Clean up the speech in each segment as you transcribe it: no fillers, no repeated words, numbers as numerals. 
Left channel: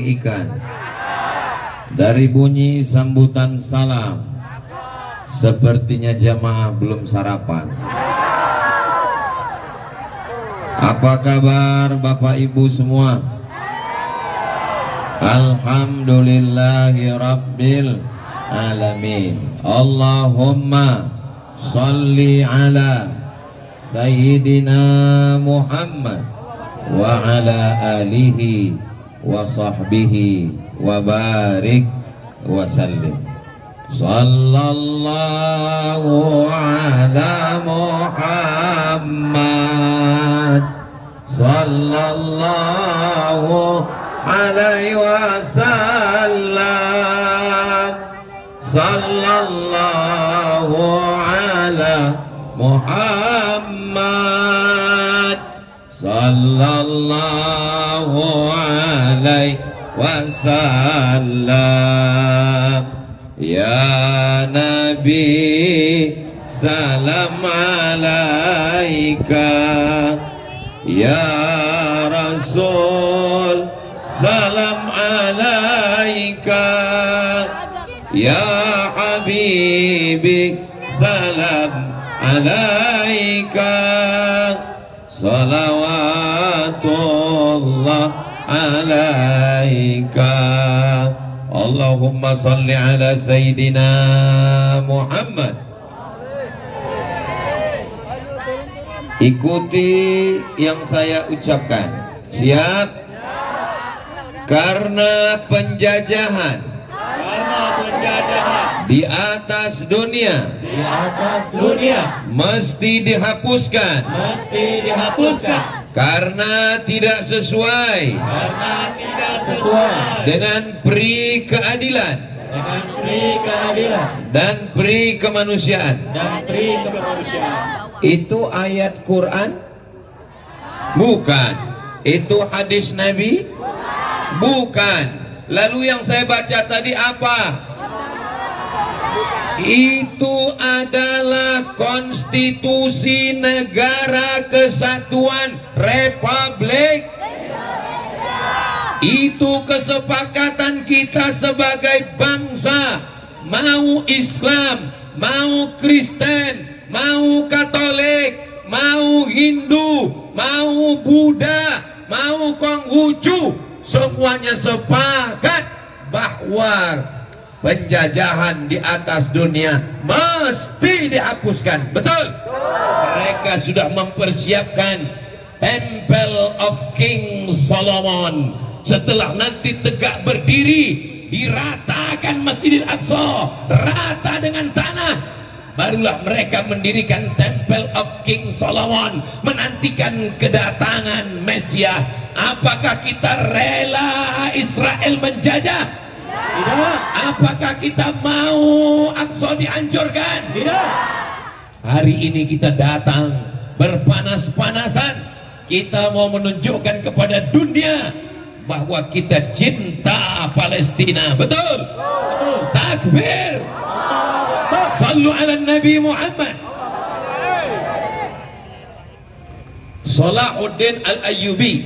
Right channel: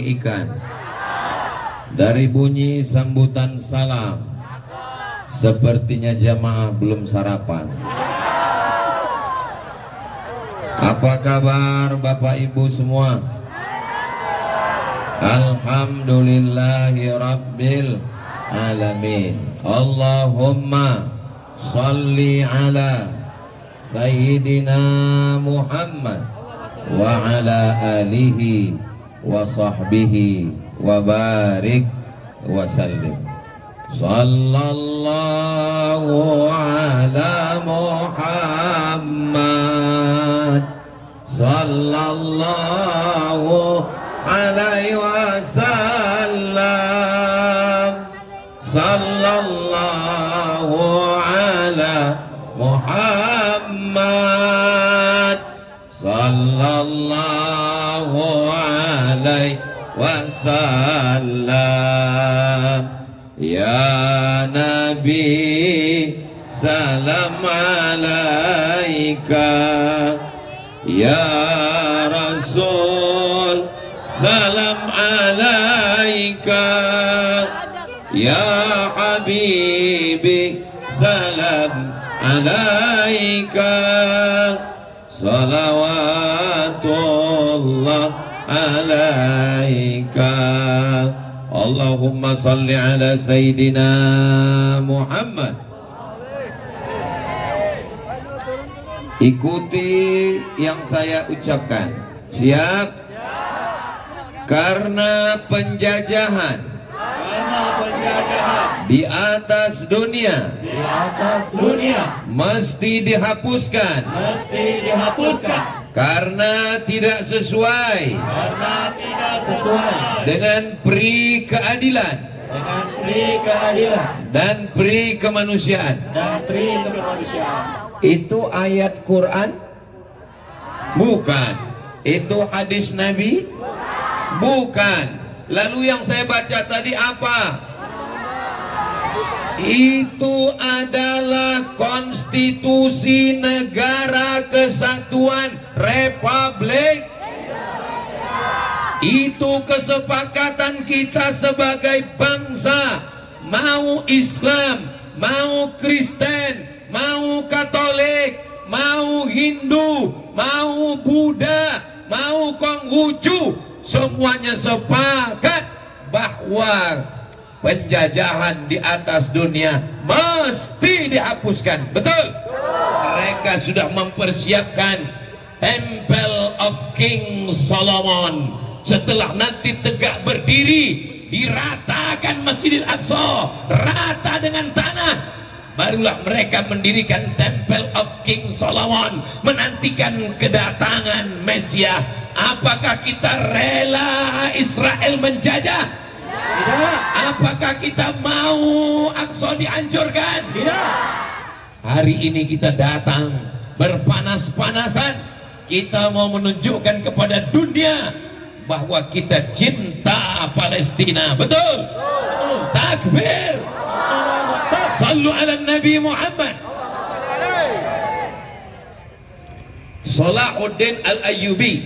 daging ikan. Dari bunyi sambutan salam, sepertinya jamaah belum sarapan. Apa kabar Bapak Ibu semua? Alhamdulillahi Rabbil Alamin. Allahumma salli ala Sayyidina Muhammad wa ala alihi wa sahbihi wa barik wa sallim. Sallallahu ala Muhammad sallallahu alaihi wasallam. Sallallahu ala Muhammad sallallahu alaihi wasallam. Ya Nabi salam alaika, ya Rasul salam alaika, ya Habibi salam alaika, salawatullah alaika. Allahumma salli ala Sayyidina Muhammad. Ikuti yang saya ucapkan. Siap? Karena penjajahan di atas dunia mesti dihapuskan, karena tidak sesuai dengan pri keadilan dan pri kemanusiaan. Itu ayat Quran? Bukan. Itu hadis Nabi? Bukan. Lalu yang saya baca tadi apa? Itu adalah konstitusi negara kesatuan Republik. Itu kesepakatan kita sebagai bangsa. Mau Islam, mau Kristen, mau Katolik, mau Hindu, mau Buddha, mau Konghucu, semuanya sepakat bahwa penjajahan di atas dunia mesti dihapuskan. Betul? Mereka sudah mempersiapkan Temple of King Solomon. Setelah nanti tegak berdiri, diratakan Masjidil Aqsa rata dengan tanah, barulah mereka mendirikan Temple of King Solomon, menantikan kedatangan Mesias. Apakah kita rela Israel menjajah? Tidak. Apakah kita mau Aqsa dihancurkan? Tidak. Hari ini kita datang berpanas-panasan, kita mau menunjukkan kepada dunia bahwa kita cinta Palestina. Betul? Takbir. Sallu ala Nabi Muhammad. Salahuddin Al-Ayyubi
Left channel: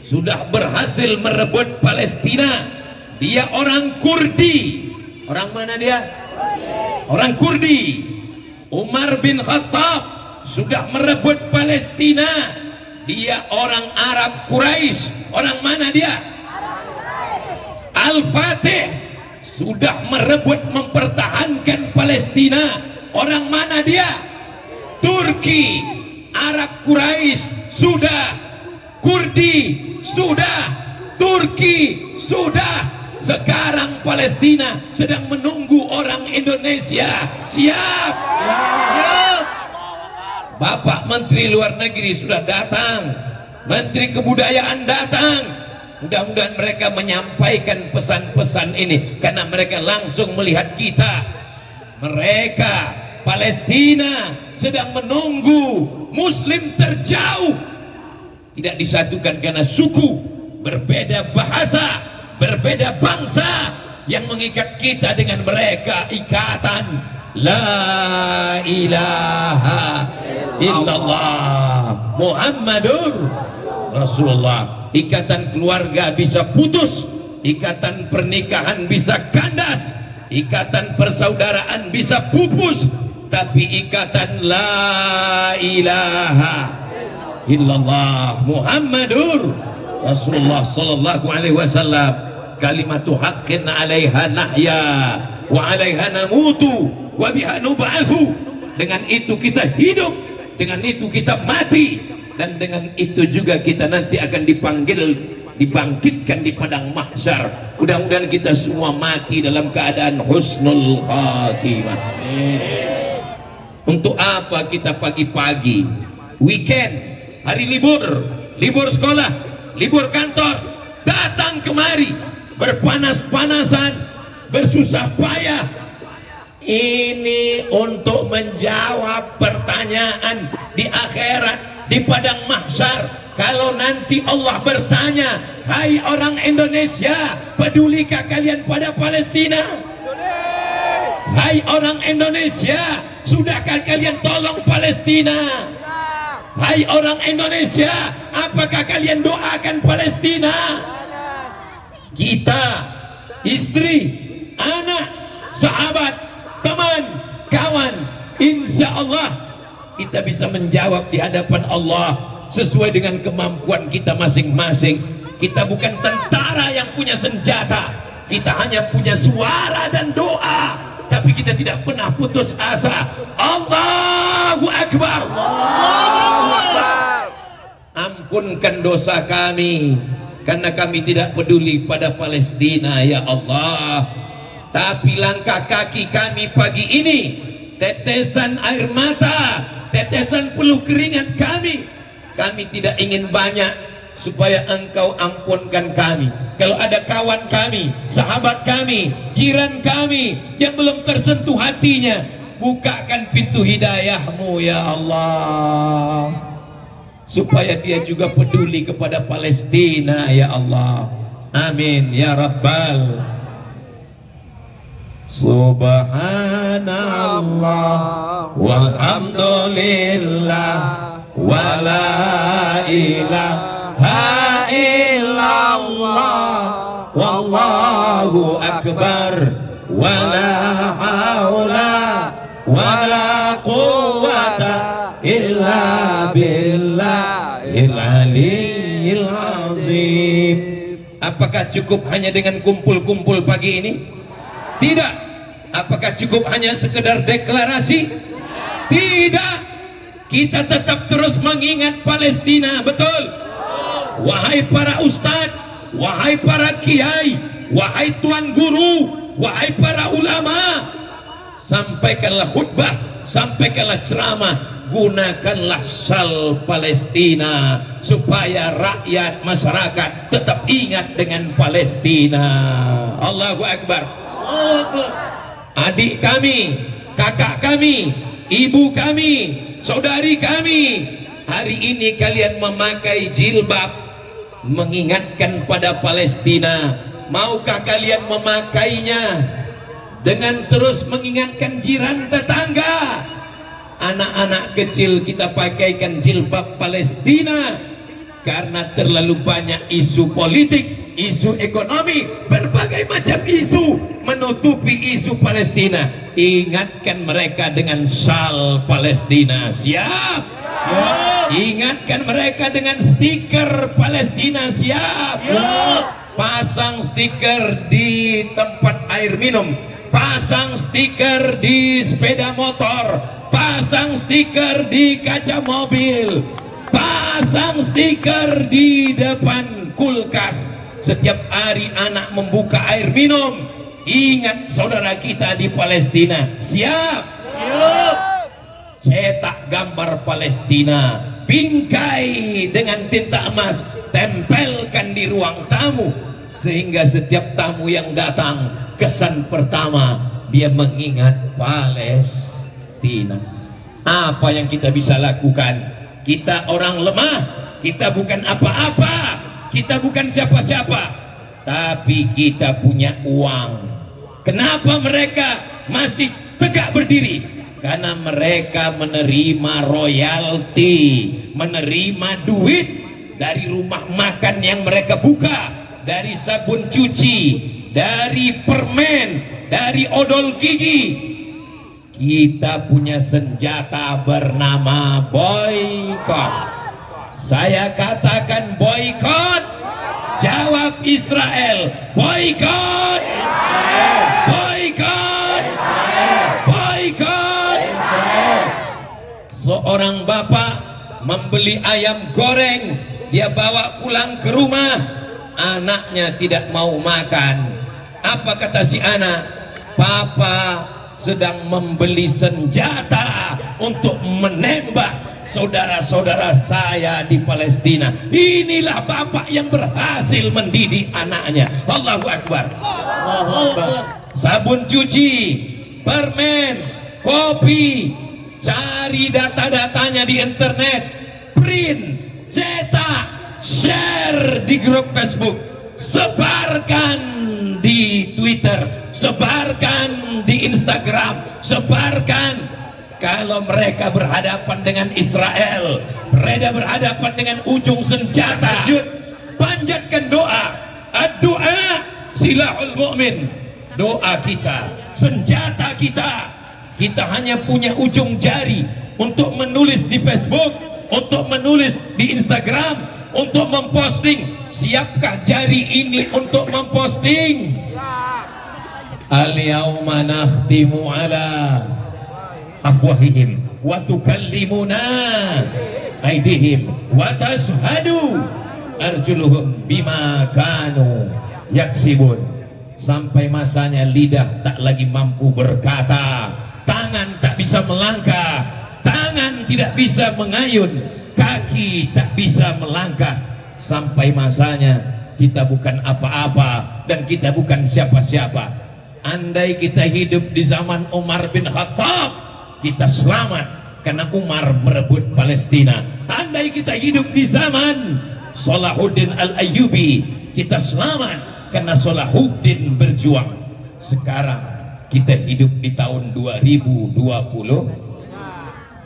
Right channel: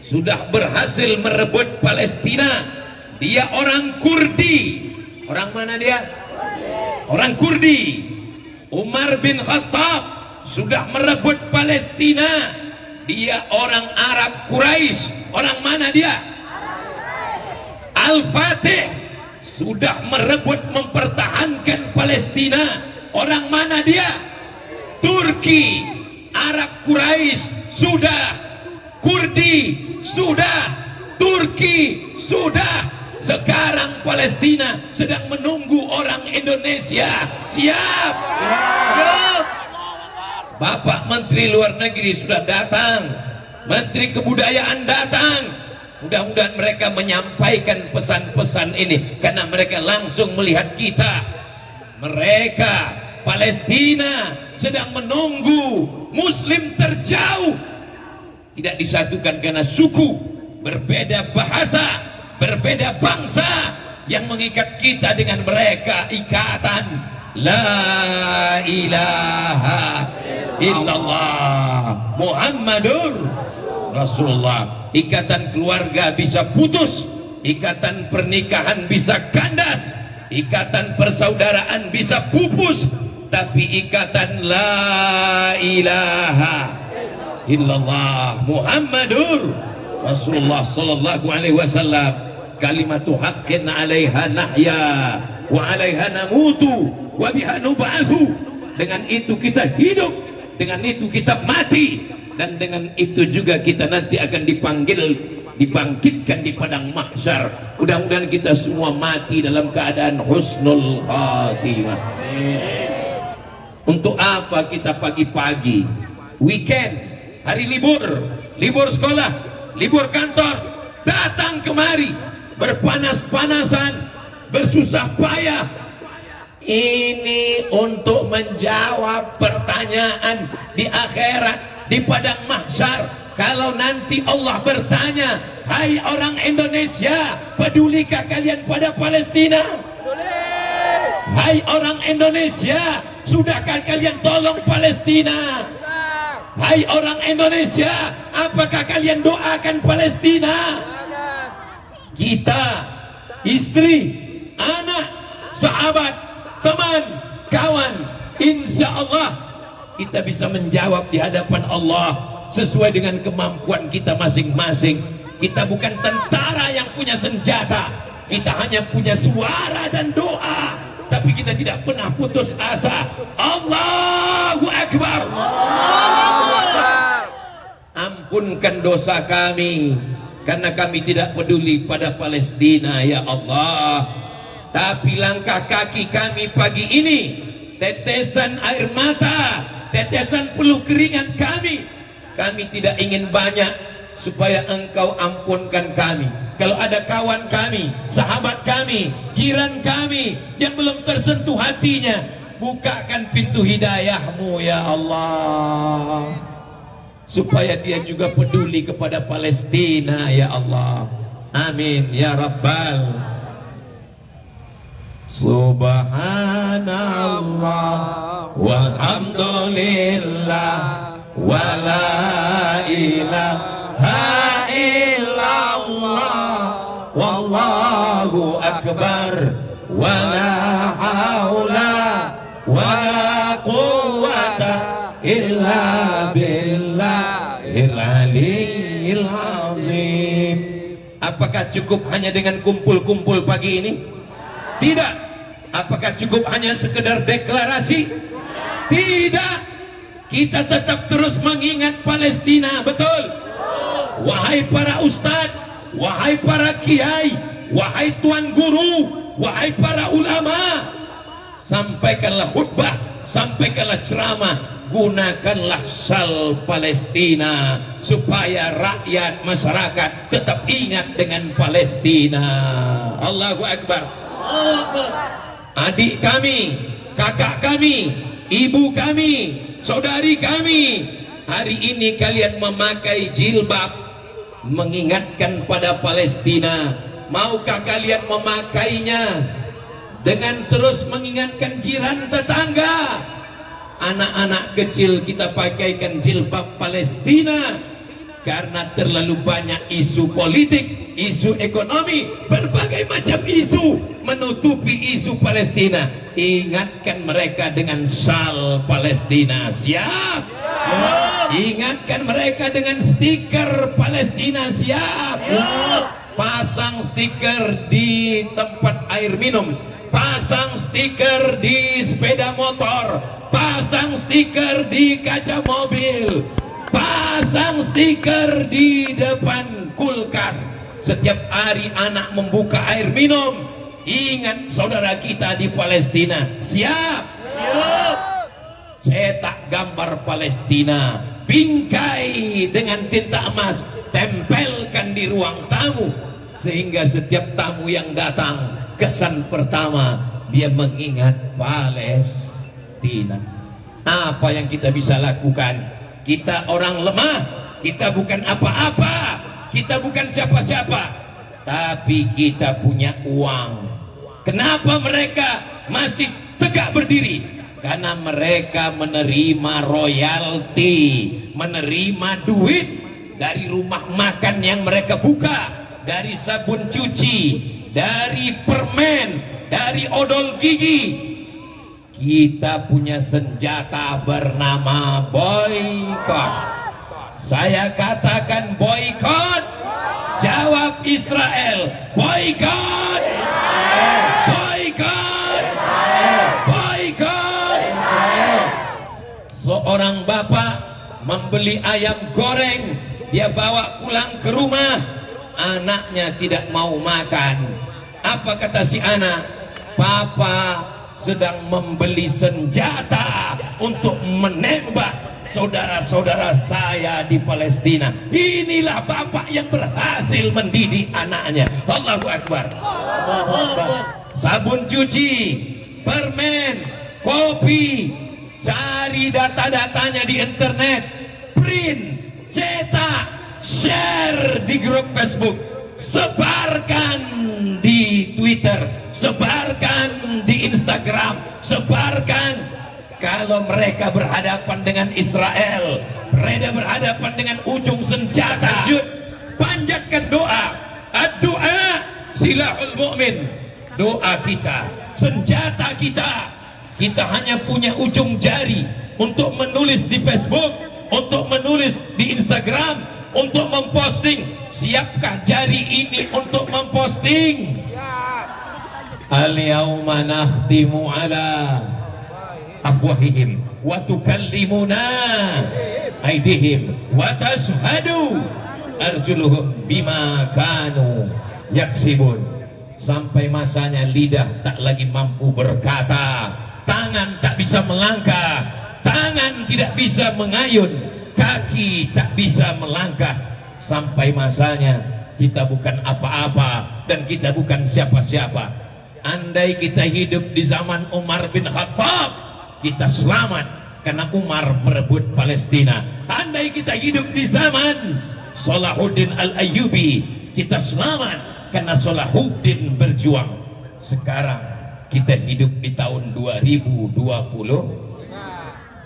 sudah berhasil merebut Palestina. Dia orang Kurdi. Orang mana dia? Orang Kurdi. Umar bin Khattab sudah merebut Palestina. Dia orang Arab Quraisy. Orang mana dia? Al-Fatih sudah merebut mempertahankan Palestina. Orang mana dia? Turki. Arab Quraisy sudah, Kurdi sudah, Turki sudah. Sekarang Palestina sedang menunggu orang Indonesia. Siap? Siap. Bapak Menteri Luar Negeri sudah datang, Menteri Kebudayaan datang. Mudah-mudahan mereka menyampaikan pesan-pesan ini, karena mereka langsung melihat kita. Mereka Palestina sedang menunggu Muslim terjauh, tidak disatukan karena suku, berbeda bahasa, berbeda bangsa. Yang mengikat kita dengan mereka ikatan La ilaha illallah Muhammadur Rasulullah. Ikatan keluarga bisa putus ikatan pernikahan bisa kandas, ikatan persaudaraan bisa pupus, tapi ikatan la ilaha illallah Muhammadur Rasulullah sallallahu alaihi wasallam, kalimatu haqqin 'alaiha nahya wa 'alaiha namutu wa biha nub'atsu. Dengan itu kita hidup, dengan itu kita mati, dan dengan itu juga kita nanti akan dibangkitkan di padang mahsyar. Mudah-mudahan kita semua mati dalam keadaan husnul khatimah. Untuk apa kita pagi-pagi weekend, hari libur sekolah, libur kantor, datang kemari berpanas-panasan, bersusah payah? Ini untuk menjawab pertanyaan di akhirat, di padang mahsyar. Kalau nanti Allah bertanya, hai orang Indonesia, pedulikah kalian pada Palestina? Hai orang Indonesia, sudahkah kalian tolong Palestina? Hai orang Indonesia, apakah kalian doakan Palestina? Kita, istri, anak, sahabat, teman, kawan, insya Allah kita bisa menjawab di hadapan Allah sesuai dengan kemampuan kita masing-masing. Kita bukan tentara yang punya senjata, kita hanya punya suara dan doa, tapi kita tidak pernah putus asa. Allahu Akbar. Allahu Akbar. Ampunkan dosa kami karena kami tidak peduli pada Palestina ya Allah. Tapi langkah kaki kami pagi ini, tetesan air mata, tetesan peluh keringat kami tidak ingin banyak supaya Engkau ampunkan kami. Kalau ada kawan kami, sahabat kami, jiran kami yang belum tersentuh hatinya, bukakan pintu hidayah-Mu ya Allah, supaya dia juga peduli kepada Palestina ya Allah. Amin ya Rabbal. Subhanallah walhamdulillah wa la ilaha illallah wallahu akbar wa la haula wa la quwwata illa billahil aliyyil azim. Apakah cukup hanya dengan kumpul-kumpul pagi ini? Tidak. Apakah cukup hanya sekedar deklarasi? Tidak. Kita tetap terus mengingat Palestina, betul? Wahai para ustadz, wahai para kiai, wahai tuan guru, wahai para ulama, sampaikanlah khutbah, sampaikanlah ceramah, gunakanlah sal Palestina supaya rakyat masyarakat tetap ingat dengan Palestina. Allahu Akbar. Adik kami, kakak kami, ibu kami, saudari kami, hari ini kalian memakai jilbab mengingatkan pada Palestina. Maukah kalian memakainya dengan terus mengingatkan jiran tetangga? Anak-anak kecil kita pakaikan jilbab Palestina karena terlalu banyak isu politik, isu ekonomi, berbagai macam isu menutupi isu Palestina. Ingatkan mereka dengan syal Palestina. Siap? Siap. Ingatkan mereka dengan stiker Palestina. Siap? Siap. Pasang stiker di tempat air minum, pasang stiker di sepeda motor, pasang stiker di kaca mobil, pasang stiker di depan kulkas. Setiap hari anak membuka air minum, ingat saudara kita di Palestina. Siap? Siap. Cetak gambar Palestina, bingkai dengan tinta emas, tempelkan di ruang tamu, sehingga setiap tamu yang datang, kesan pertama dia mengingat Palestina. Apa yang kita bisa lakukan? Kita orang lemah, kita bukan apa-apa, kita bukan siapa-siapa, tapi kita punya uang. Kenapa mereka masih tegak berdiri? Karena mereka menerima royalti, menerima duit dari rumah makan yang mereka buka, dari sabun cuci, dari permen, dari odol gigi. Kita punya senjata bernama boykot. Saya katakan boykot. Jawab Israel. Boykot. Boykot. Boykot. Seorang bapak membeli ayam goreng, dia bawa pulang ke rumah, anaknya tidak mau makan. Apa kata si anak? Papa sedang membeli senjata untuk menembak saudara-saudara saya di Palestina. Inilah bapak yang berhasil mendidik anaknya. Allahu Akbar. Sabun cuci, permen, kopi, cari data-datanya di internet, print, cetak, share di grup Facebook, sebarkan di Twitter, sebarkan di Instagram, sebarkan. Kalau mereka berhadapan dengan Israel, mereka berhadapan dengan ujung senjata, panjatkan doa. Doa silahul mu'min. Doa kita, senjata kita. Kita hanya punya ujung jari untuk menulis di Facebook, untuk menulis di Instagram, untuk memposting. Siapkah jari ini untuk memposting? Al-yawma nakhtimu ala afwahihim wa tukallimuna aydihim wa tashhadu arjuluhum bima kanu yaksibun. Sampai masanya lidah tak lagi mampu berkata, tangan tak bisa melangkah, tangan tidak bisa mengayun, kaki tak bisa melangkah. Sampai masanya kita bukan apa-apa dan kita bukan siapa-siapa. Andai kita hidup di zaman Umar bin Khattab, kita selamat karena Umar merebut Palestina. Andai kita hidup di zaman Salahuddin Al-Ayyubi, kita selamat karena Salahuddin berjuang. Sekarang kita hidup di tahun 2025,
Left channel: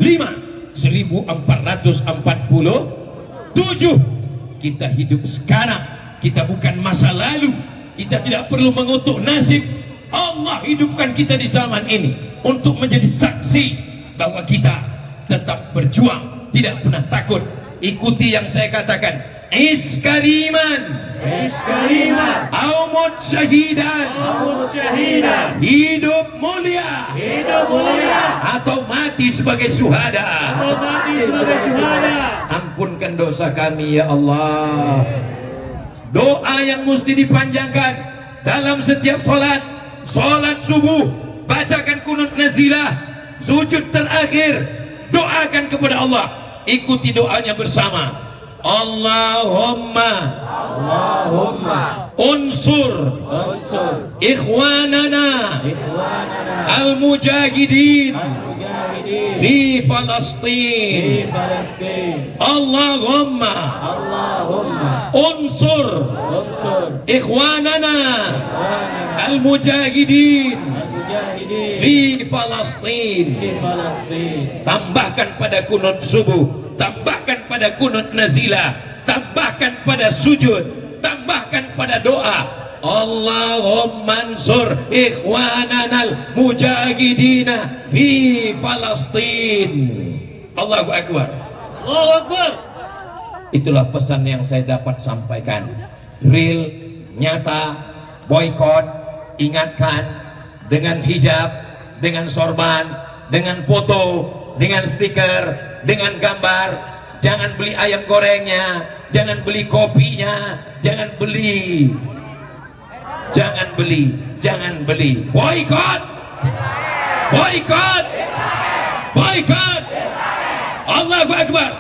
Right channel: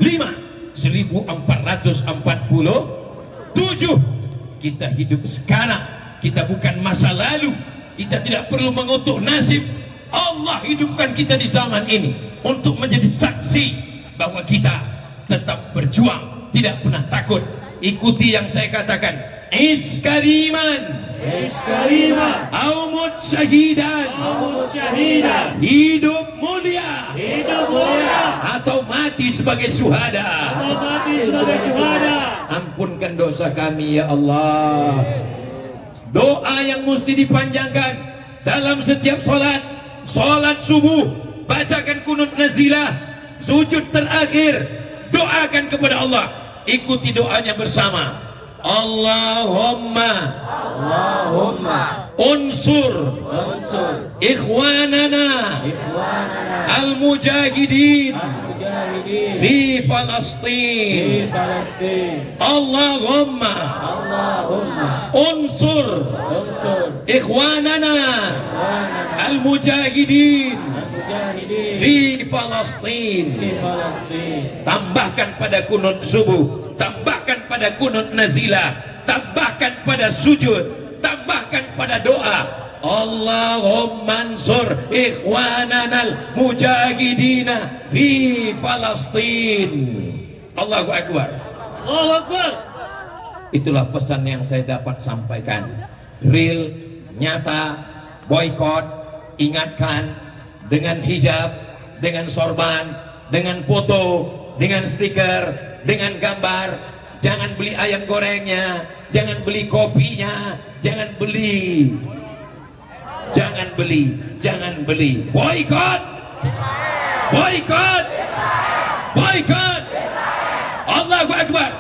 1447. Kita hidup sekarang, kita bukan masa lalu. Kita tidak perlu mengutuk nasib. Allah hidupkan kita di zaman ini untuk menjadi saksi bahwa kita tetap berjuang, tidak pernah takut. Ikuti yang saya katakan, iskariman, iskariman, aumut syahidan, hidup mulia, atau mati sebagai syuhada, ampunkan dosa kami ya Allah. Doa yang mesti dipanjangkan dalam setiap solat. Salat subuh, bacakan kunut nazilah, sujud terakhir, doakan kepada Allah. Ikuti doanya bersama. Allahumma unsur ikhwanana al-mujahidin fi Palestin. Allahumma unsur ikhwanana al-mujahidin fi Palestin. Tambahkan pada kunut subuh, tambahkan pada kunut nazilah, tambahkan pada sujud, tambahkan pada doa. Allahumma ansur ikhwananal mujahidina fi Palestin. Allahu Akbar. Allahu Akbar. Itulah pesan yang saya dapat sampaikan. Real, nyata, boykot. Ingatkan dengan hijab, dengan sorban, dengan foto, dengan stiker, dengan gambar. Jangan beli ayam gorengnya, jangan beli kopinya, jangan beli, jangan beli. Boykot, boykot, boykot. Allahu Akbar.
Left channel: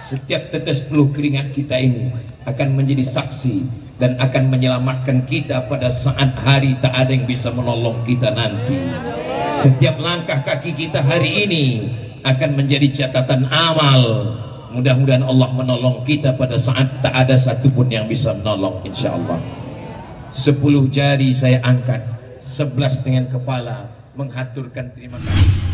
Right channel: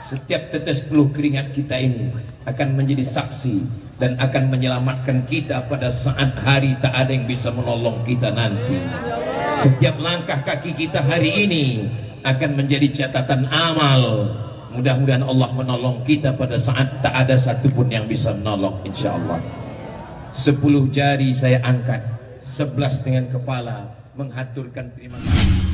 Setiap tetes peluh keringat kita ini akan menjadi saksi dan akan menyelamatkan kita pada saat hari tak ada yang bisa menolong kita nanti. Setiap langkah kaki kita hari ini akan menjadi catatan amal. Mudah-mudahan Allah menolong kita pada saat tak ada satupun yang bisa menolong, insyaallah. 10 jari saya angkat, 11 dengan kepala menghaturkan terima kasih.